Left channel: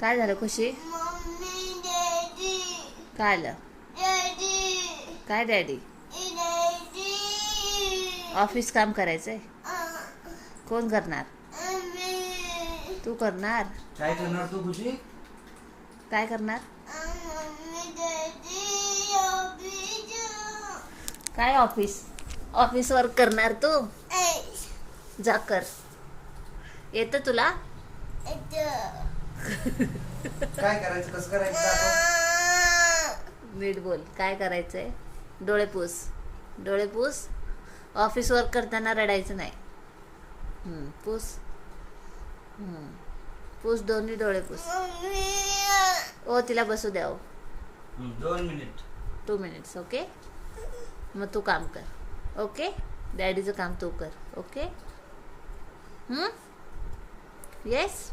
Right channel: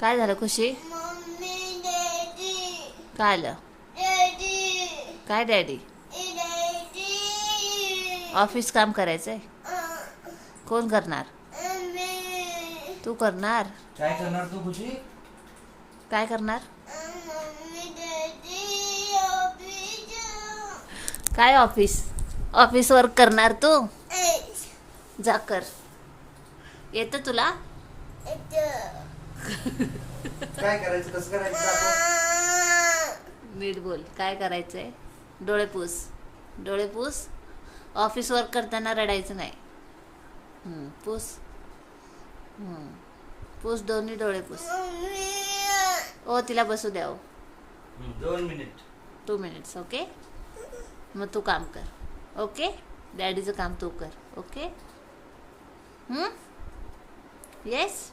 काय झालं खुशी? Mummy daddy काय आलं? डॅडी काय डॅडी? डॅडी ऑफिस काम करायचंय. कोण करणार? मम्मी तू करणार? काय करणार तू खुशी? काय करणार? मम्मी डॅडी ऑफिस काय ऑफिस वर्क करणार तू? जा कर. येतं तुला? काय करायचं कसं करायचं दाखव. नीट बोल. काय करायचंय? डोळे पुस. डोळे पुस. ऑफिस वर्क करताना रडायचं नाही. पुस. पुस, दोन्ही डोळे पुस. ओ तिला बसू द्या. 2 मिनिट. 2 मिनिट्स. ओके. मग तू काम कर. ओके. डॅडीचं काम तू कर. ओके. येस.